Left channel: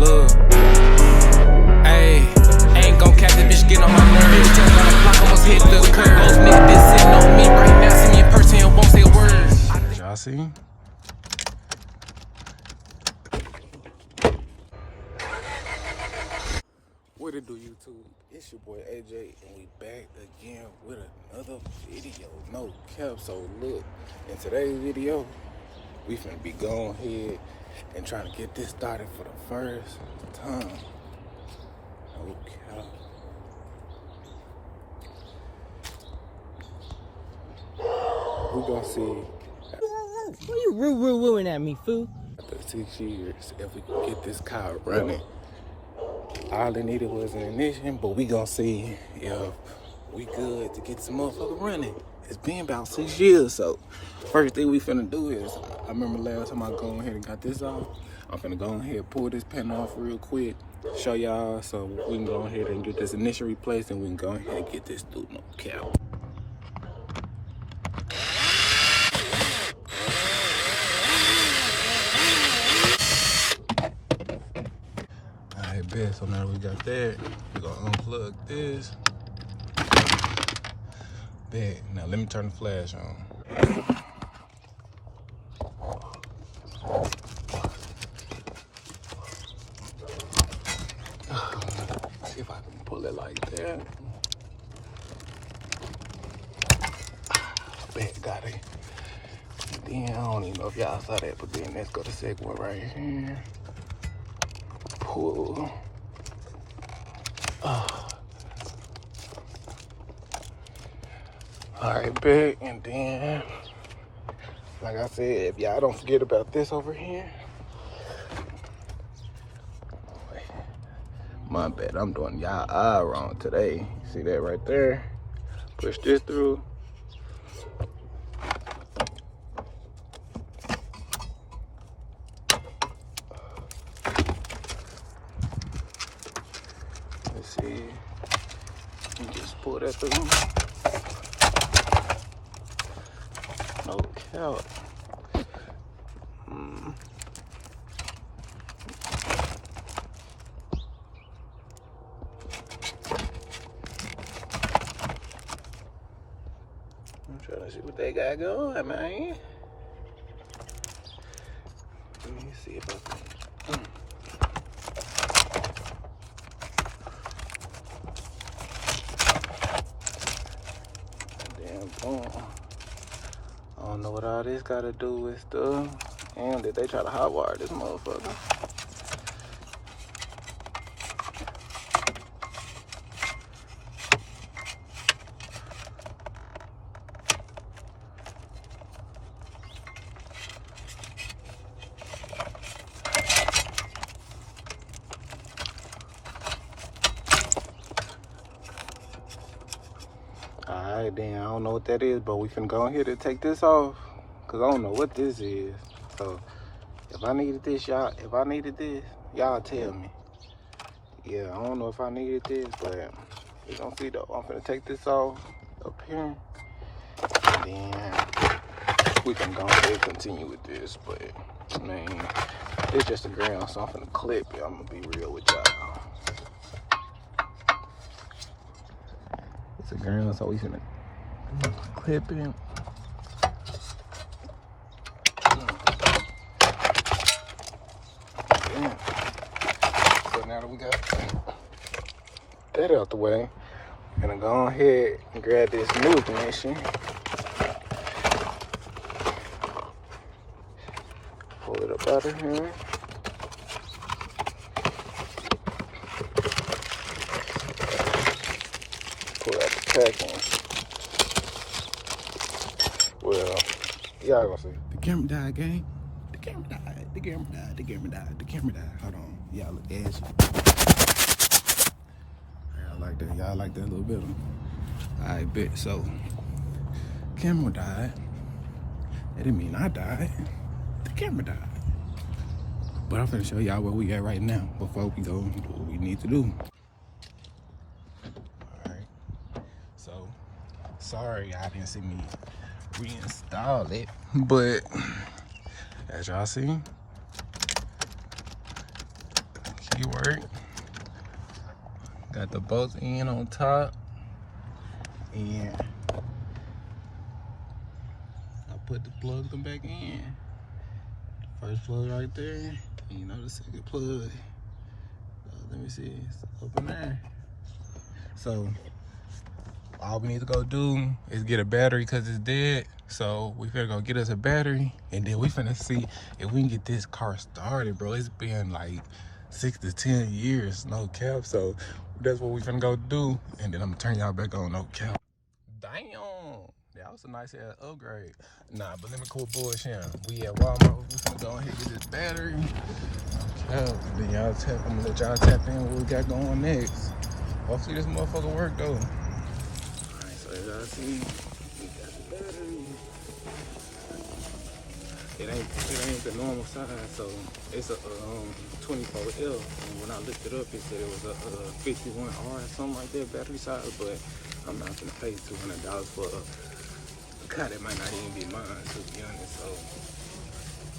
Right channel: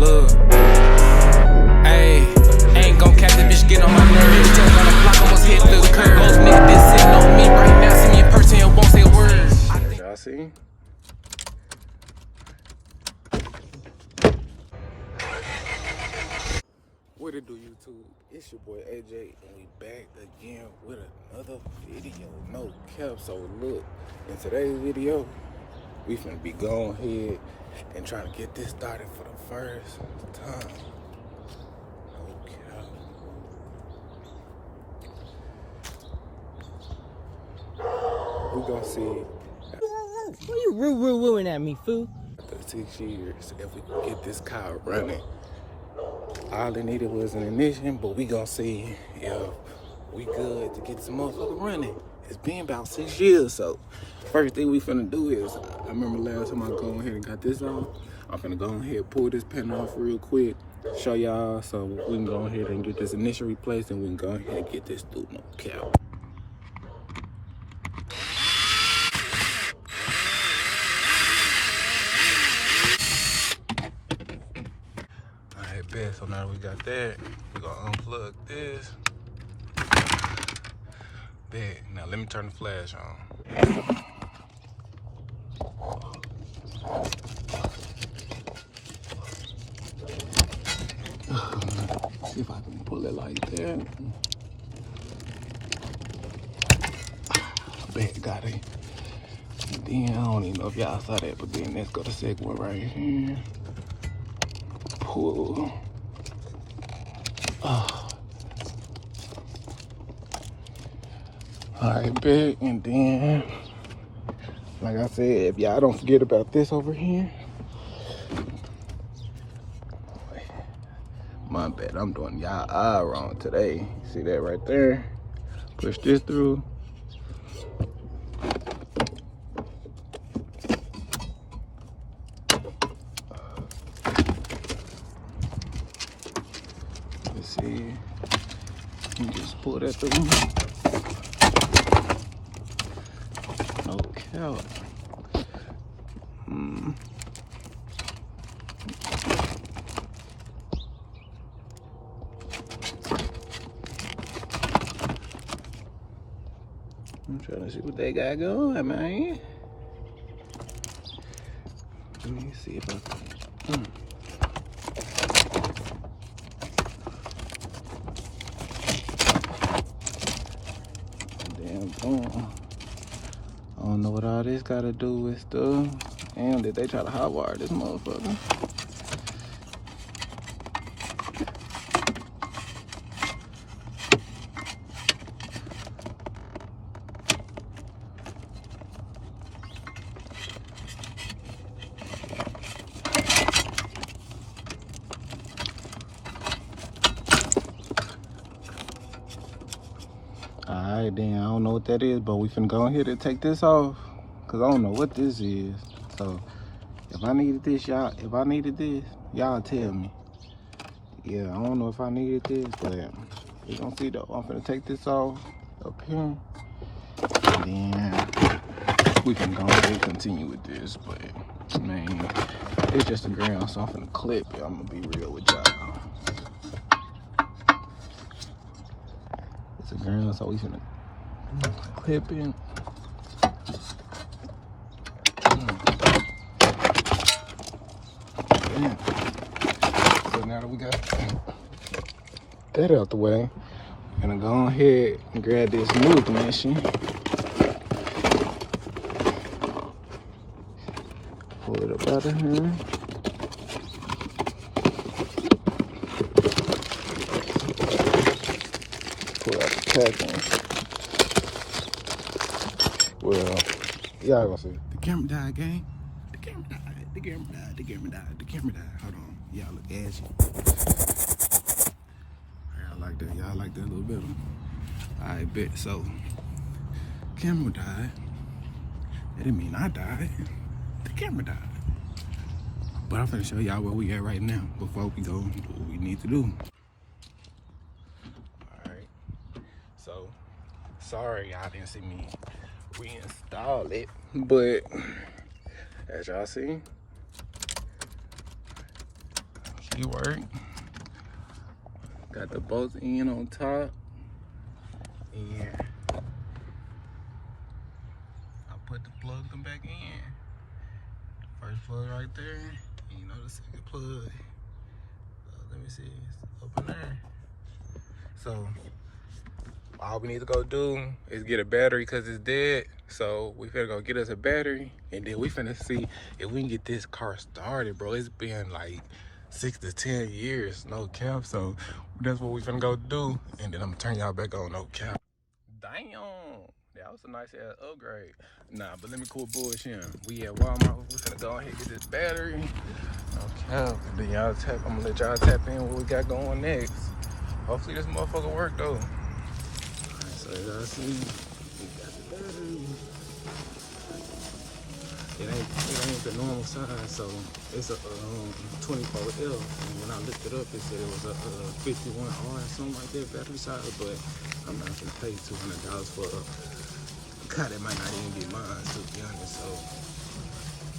Look, ayy, ain't gon' catch that bitch getting on my nerves. Just got a block, almost hit the curb. Most niggas been sitting on me right now. See me in person and won't say a word. Y'all see? What it do, YouTube? It's your boy AJ, and we back again with another video. No cap. So look, in today's video, we finna be going ahead and trying to get this started for the first time. No cap. We gonna see. What you ruin at me, fool? After 6 years, if we can get this car running. All it needed was an ignition, but we gonna see if we good to get this motherfucker running. It's been about 6 years, so first thing we finna do is, I remember last time I go ahead and got this off, I'm finna go ahead and pull this panel off real quick, show y'all so we can go ahead and get this ignition replaced and we can go ahead and get this through no cap. Alright, bet. So now we got that. We're gonna unplug this. Bet. Now let me turn the flash on. See if I can pull it like that. Bet, got it. And then I don't even know if y'all saw that, but then let's go to the second one right here. Pull. Alright, back, and then, like I said, if y'all don't forget about this over here. My bad, I'm doing y'all eye wrong today. See that right there? Push this through. Let's see. Let me just pull it up for you. No cap. I'm trying to see what they got going, man. Let me see if I can. I don't know what all this got to do with stuff. And that they try to hotwire this motherfucker. Alright, then I don't know what that is, but we finna go ahead and take this off, cause I don't know what this is. So if I needed this, y'all tell me. Yeah, I don't know if I needed this, but we gonna see though. I'm finna take this off up here, and then we can go ahead and continue with this. But I mean, it's just a ground, so I'm finna clip it. I'm gonna be real with y'all. It's a ground, so we finna clip it. So now that we got that out the way, we're gonna go ahead and grab this new ignition. Pull it up out of here. Pull out the package. Well, y'all gonna see. The camera died, gang. The camera died. The camera died. The camera died. The camera died. Hold on. Y'all look ashy. Y'all like that. Y'all like that a little bit. Alright, bet. So, camera died. That didn't mean I died. The camera died. But I'm finna show y'all where we at right now before we go and do what we need to do. Alright. So, sorry y'all didn't see me reinstall it. But, as y'all see, he work. Got the both in on top. And I put the plug them back in. First plug right there. And you know the second plug. Let me see. It's up in there. So all we need to go do is get a battery because it's dead. So we finna go get us a battery, and then we finna see if we can get this car started, bro. It's been like 6 to 10 years, no cap. So that's what we finna go do, and then I'm gonna turn y'all back on, no cap. Damn, that was a nice ass upgrade. Nah, but let me quit bullshitting. We at Walmart. We finna go ahead and get this battery, no cap. And then y'all tap. I'm gonna let y'all tap in what we got going next. Hopefully this motherfucker work though. Alright, so as y'all see, we got the battery. It ain't the normal size, so it's a 24L. And when I looked it up, it said it was a 51R or something like that battery size. But I'm not gonna pay $200 for a car that might not even be mine, to be honest. So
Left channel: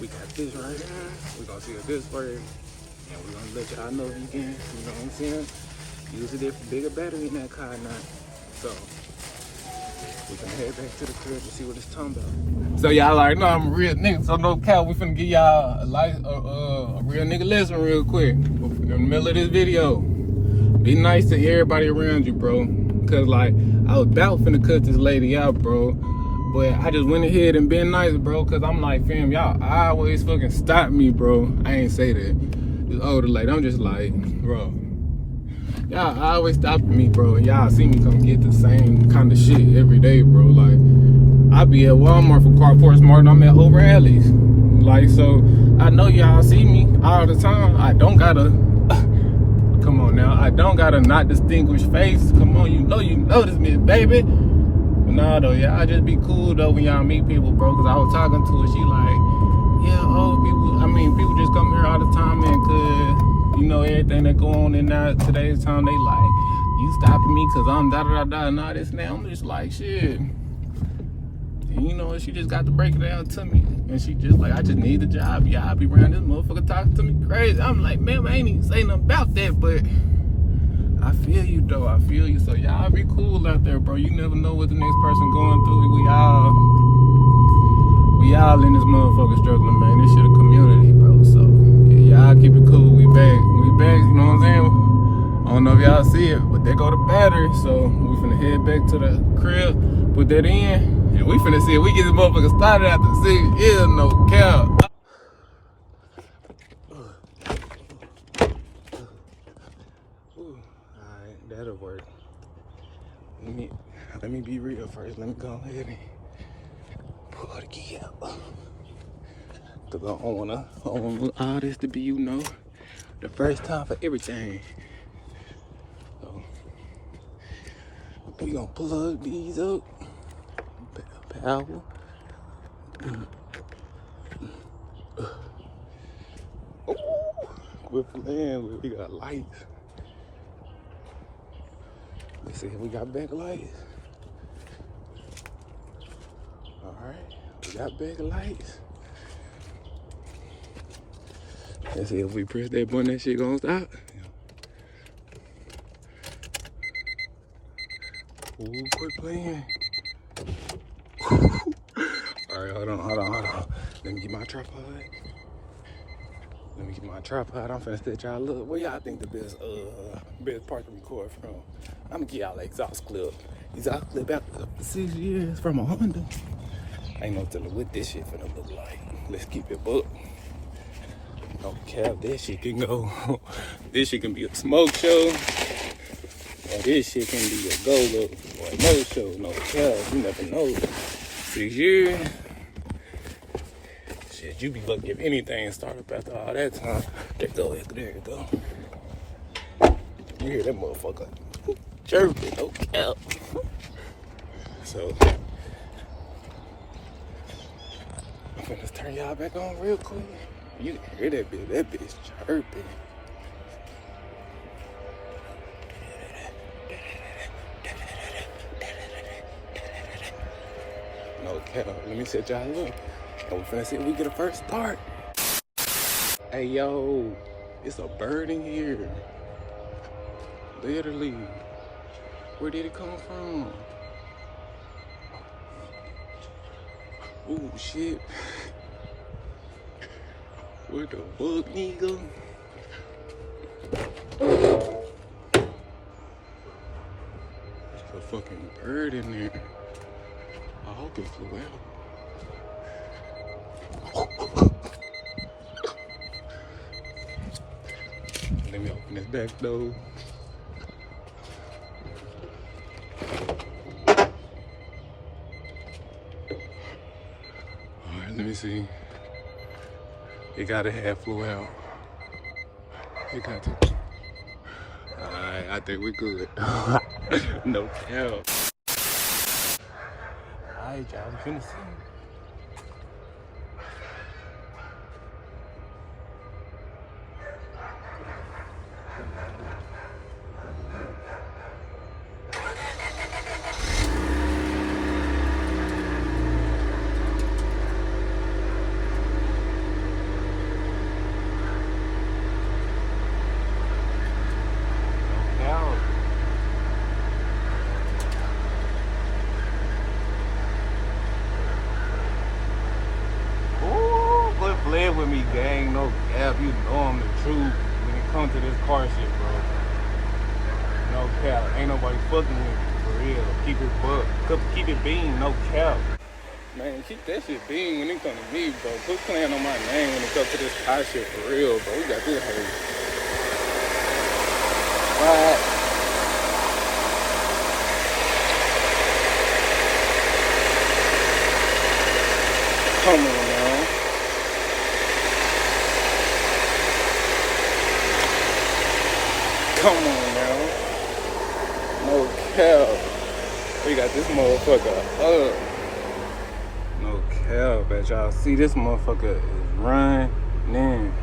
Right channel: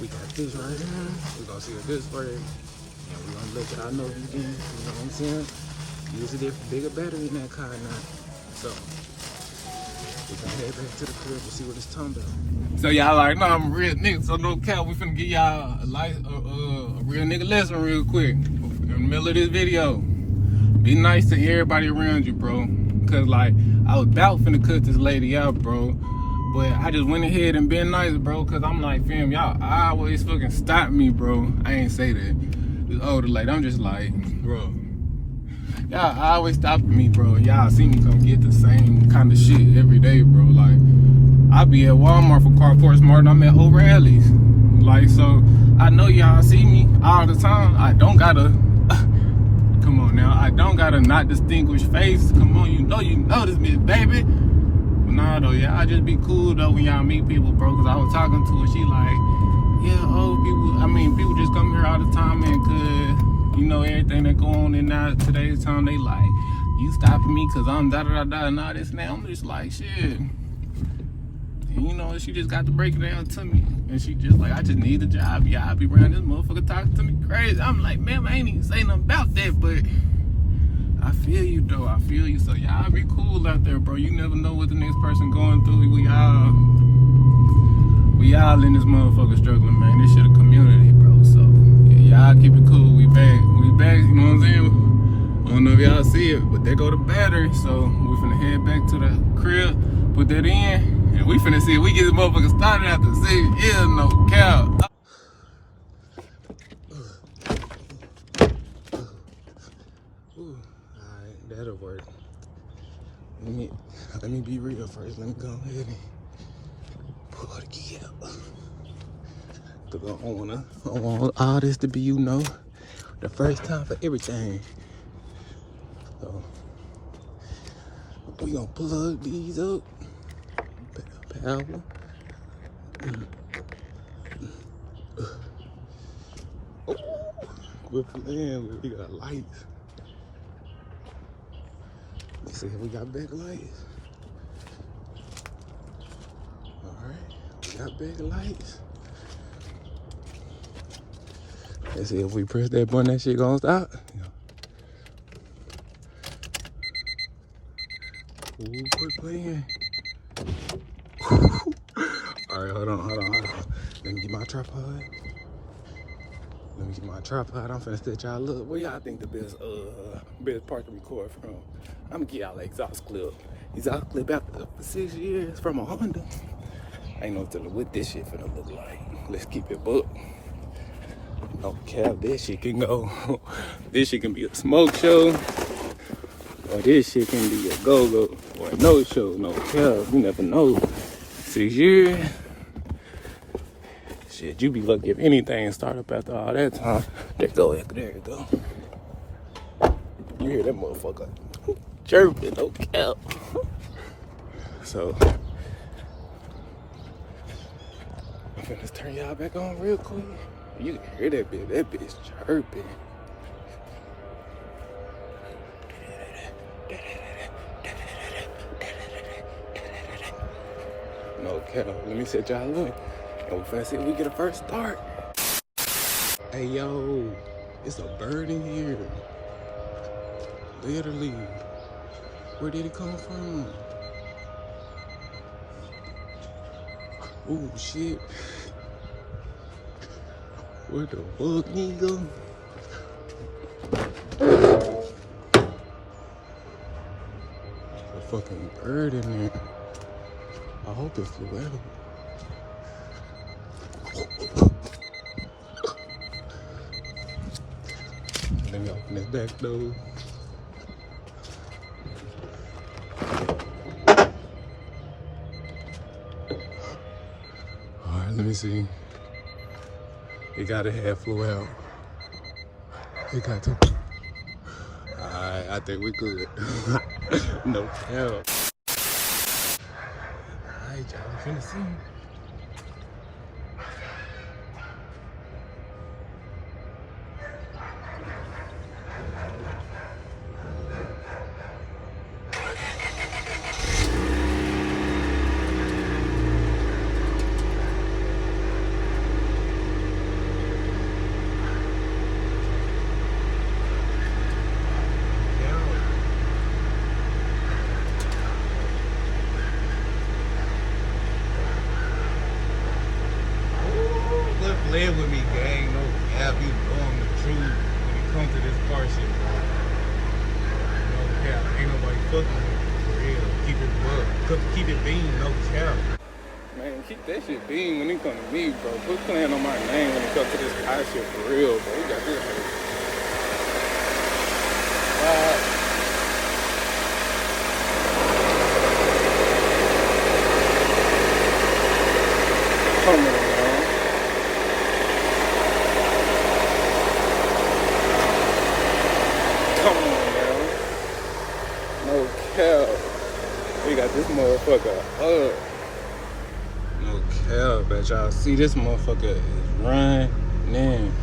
we got this right here. We're gonna see what this works, and we're gonna let y'all know if you can. You know what I'm saying? Use a bigger battery in that car now. So we gonna head back to the crib and see what it's talking about. So y'all like, no, I'm a real nigga, so no cap. We finna give y'all a real nigga lesson real quick in the middle of this video. Be nice to everybody around you, bro. Cause like, I was about finna cut this lady out, bro. But I just went ahead and been nice, bro. Cause I'm like, fam, y'all always fucking stop me, bro. I ain't say that. This older lady, I'm just like, bro. Y'all always stopping me, bro. And y'all see me come get the same kind of shit every day, bro. Like, I be at Walmart for car parts more than I'm at O'Reilly's. Like, so I know y'all see me all the time. I don't gotta, come on now. I don't gotta not distinguish face. Come on, you know this bitch, baby. But nah, though, y'all just be cool, though, when y'all meet people, bro. Cause I was talking to her, she like, yeah, people just come here all the time, man, cause you know, everything that go on in now today's time, they like, you stopping me because I'm da-da-da-da and all this now. I'm just like, shit. And you know, she just got to break it down to me. And she just like, I just need a job. Y'all be around this motherfucker talking to me crazy. I'm like, man, I ain't even say nothing about that, but I feel you, though. I feel you. So y'all be cool out there, bro. You never know what the next person going through. We all in this motherfucker struggling, man. This shit a community, bro. So y'all keep it cool. We back, you know what I'm saying? I don't know if y'all see it, but there go the battery. So we finna head back to the crib, put that in, and we finna see if we get this motherfucker started after 6 years, no cap. Alright, that'll work. Let me be real first. Let me go ahead and pull the key out. Cause I don't want all this to be, you know, the first time for everything. So we gonna plug these up. Power. Man, we got lights. Let's see if we got backlights. Alright, we got backlights. Let's see if we press that button, that shit gonna stop. Ooh, quit playing. Alright, hold on. Let me get my tripod. I'm finna set y'all up. Where y'all think the best part to record from? I'm gonna get y'all an exhaust clip. Exhaust clip after 6 years from a Honda. I ain't no telling what this shit finna look like. Let's keep it booked. No cap, this shit can go. This shit can be a smoke show. Or this shit can be a go-go. Or a no-show. No cap, you never know. 6 years. Shit, you be lucky if anything start up after all that time. There you go. You hear that motherfucker chirping, no cap. So, I'm finna turn y'all back on real quick. You can hear that bitch chirping. No cap. Let me set y'all up. And we finna see if we get a first start. Hey, yo. It's a bird in here. Literally. Where did it come from? Oh shit. Where the fuck he go? There's a fucking bird in there. I hope it flew out. Let me open this back door. Alright, let me see. It gotta have flew out. It got to. Alright, I think we good. No cap. Alright, y'all, we finna see. Live with me, gang. No cap. You know I'm the truth when it comes to this car shit, bro. No cap. Ain't nobody fucking with me, for real. Keep it buck. Keep it bean, no cap. Man, keep that shit bean when it comes to me, bro. Quit playing on my name when it comes to this car shit, for real, bro. We got this hurt. Come on, now. Come on now. No cap. We got this motherfucker up. No cap, but y'all see this motherfucker is running.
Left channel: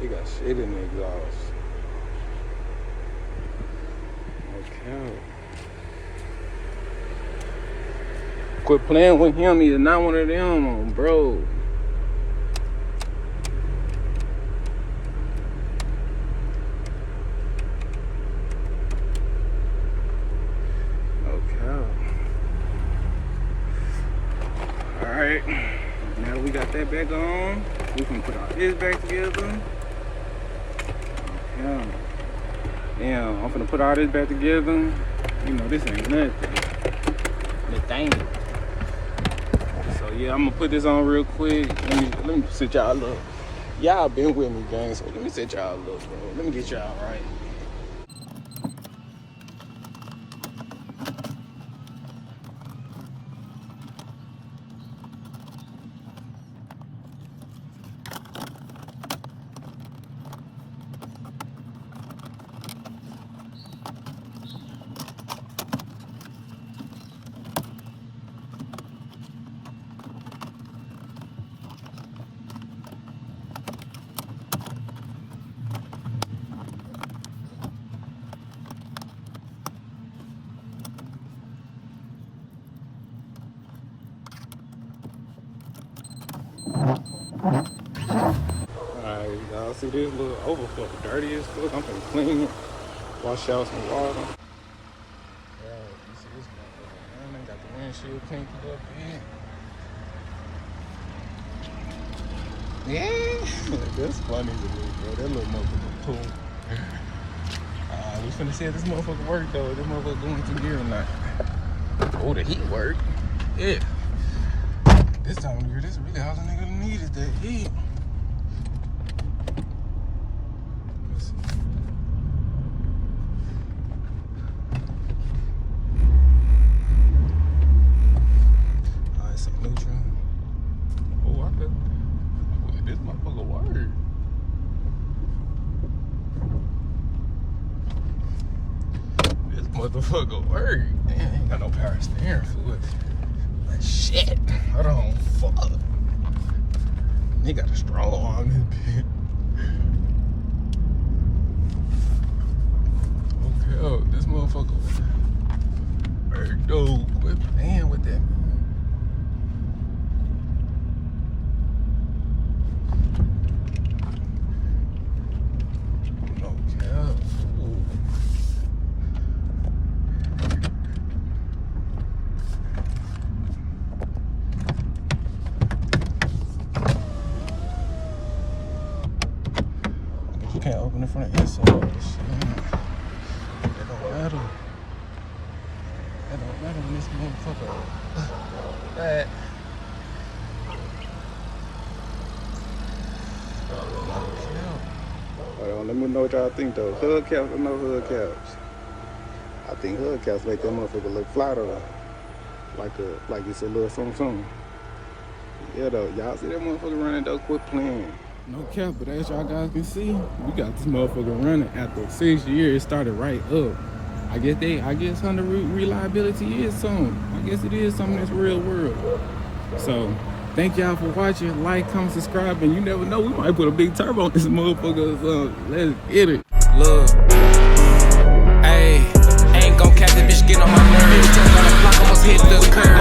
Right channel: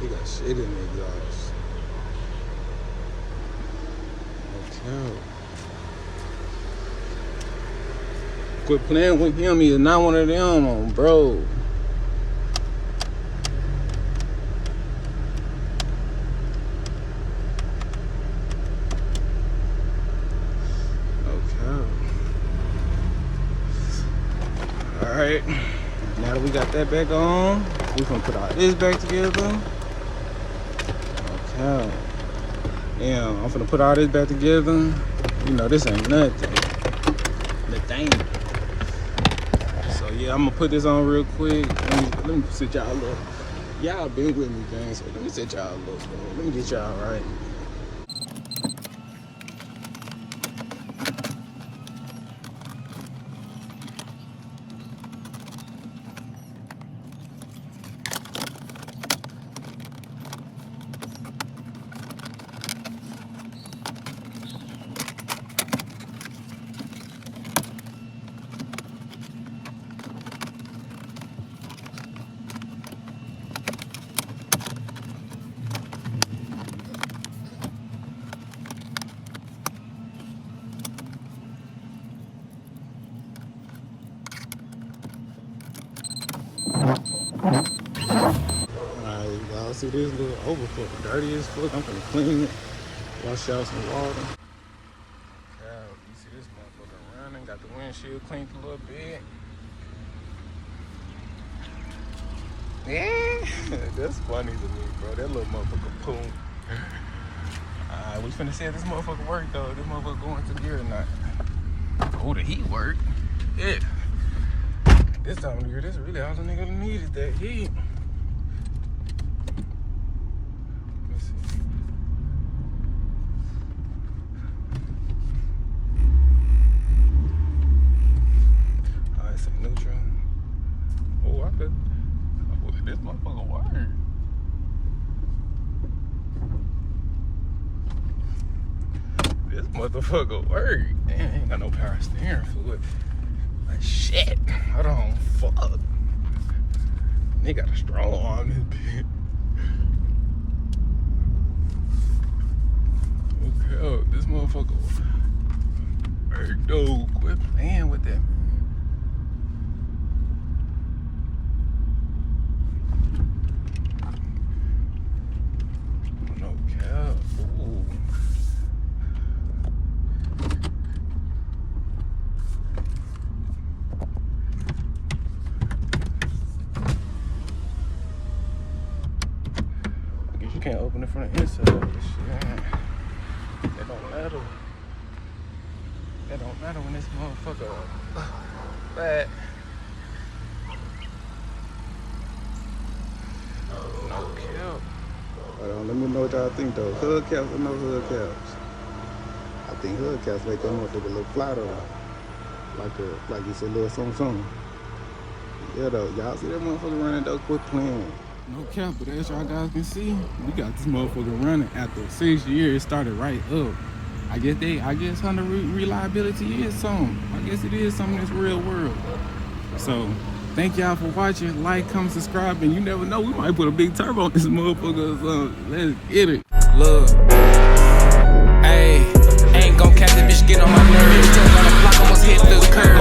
He got shit in the exhaust. Okay. Quit playing with him. He's not one of them, bro. Okay. Alright. Now that we got that back on, we gonna put all this back together. Okay. Damn, I'm finna put all this back together. You know, this ain't nothing. Nothing. So yeah, I'm gonna put this on real quick. Let me sit y'all up. Y'all been with me, gang, so let me sit y'all up, man. Let me get y'all right. Alright, y'all see this little overflow, dirty as fuck. I'm gonna clean it, wash out some water. Yeah, you see this motherfucker running, got the windshield cleaned a little bit. Yeah, that's funny to me, bro. That little motherfucker poop. We finna see if this motherfucker work though. This motherfucker going into gear or not. Oh, the heat work. Yeah. This time of year, this really all the nigga need is that heat. Let's see. Alright, so neutral. Oh, I could. Oh, this motherfucker work. This motherfucker work. Damn, ain't got no power steering fluid. Shit, hold on, fuck. They got a strong arm in this cap, this motherfucker. Hey, dude, quit playing with that. No cap. Ooh. I guess you can't open it from the inside. Shit, that don't matter. That don't matter when this motherfucker bad. Hold on, let me know what y'all think though. Hubcaps or no hubcaps? I think hubcaps make that motherfucker look fly though. Like it's a little something. Yeah though, y'all see that motherfucker running though? Quit playing. No cap, but as y'all guys can see, we got this motherfucker running after 6 years. It started right up. I guess Honda reliability is something. I guess it is something in this real world. So, thank y'all for watching. Like, comment, subscribe, and you never know, we might put a big turbo on this motherfucker or something. Let's get it. Look, ayy, ain't gon' catch the bitch, get on my nerves. Just on the block, almost hit the curb.